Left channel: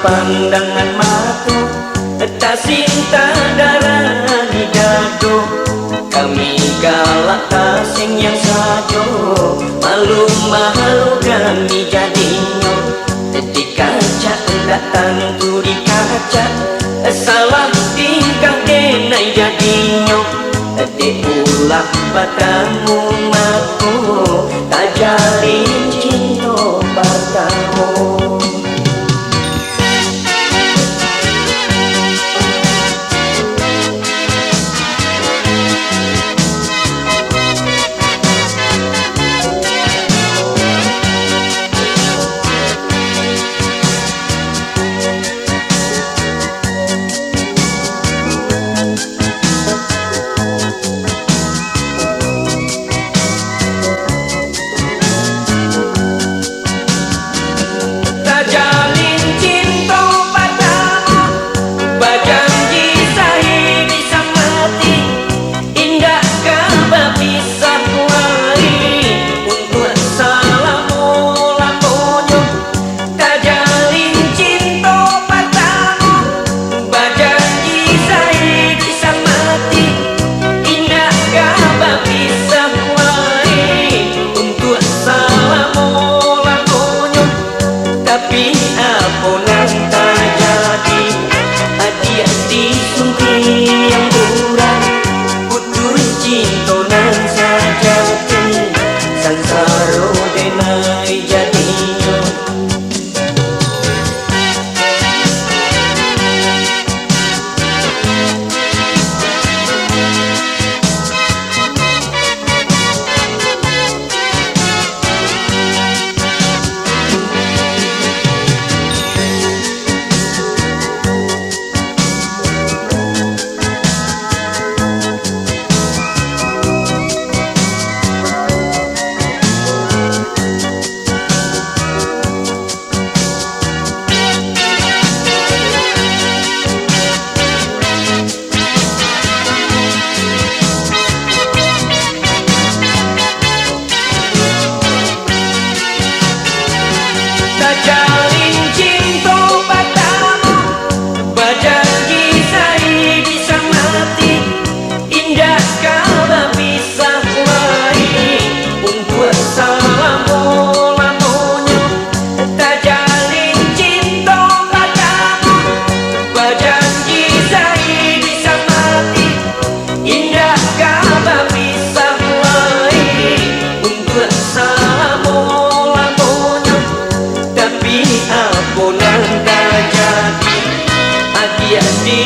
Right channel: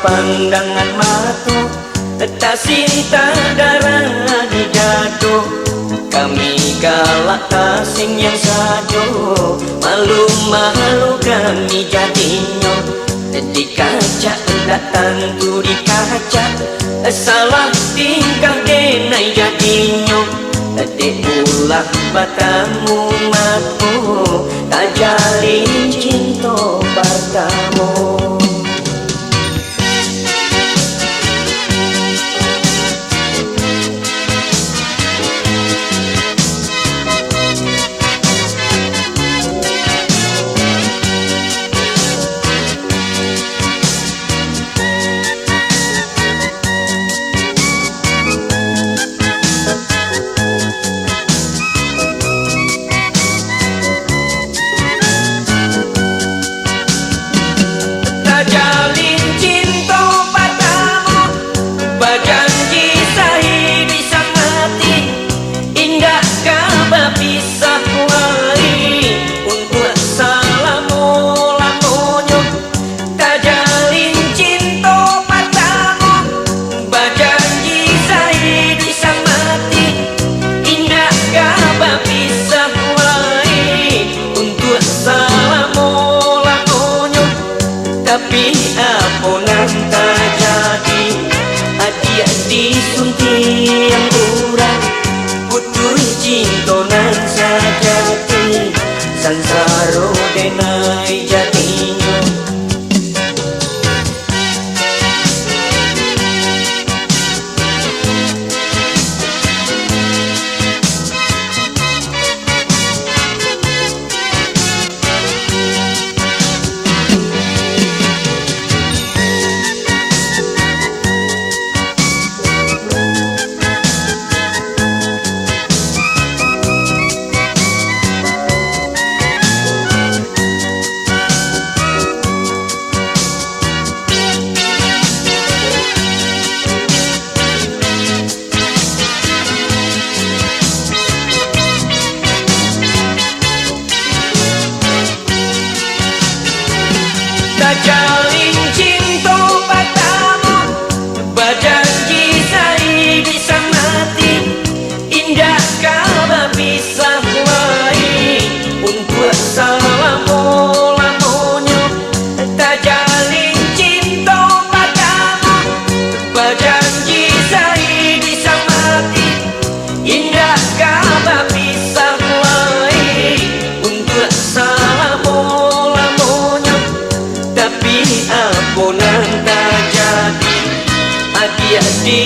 pandangan mata, tak cinta darah di dado. Kami galak asing yang sado, malu-malu kami jadinya. Di kaca datang di kaca, salah tingkah denai jadinya. Di ulah batamu matu, tak jalin cinta pertama. Sansaro denai jadinya. Jalin cinta padamu, berjanji saya bisa mati. Indah kau bisa lagi untuk selama-lamanya. Tak jalin cinta padamu, berjanji saya bisa mati. Indah kau bisa lagi untuk selama-lamanya. Tapi ampunan tak jadi, hadiah di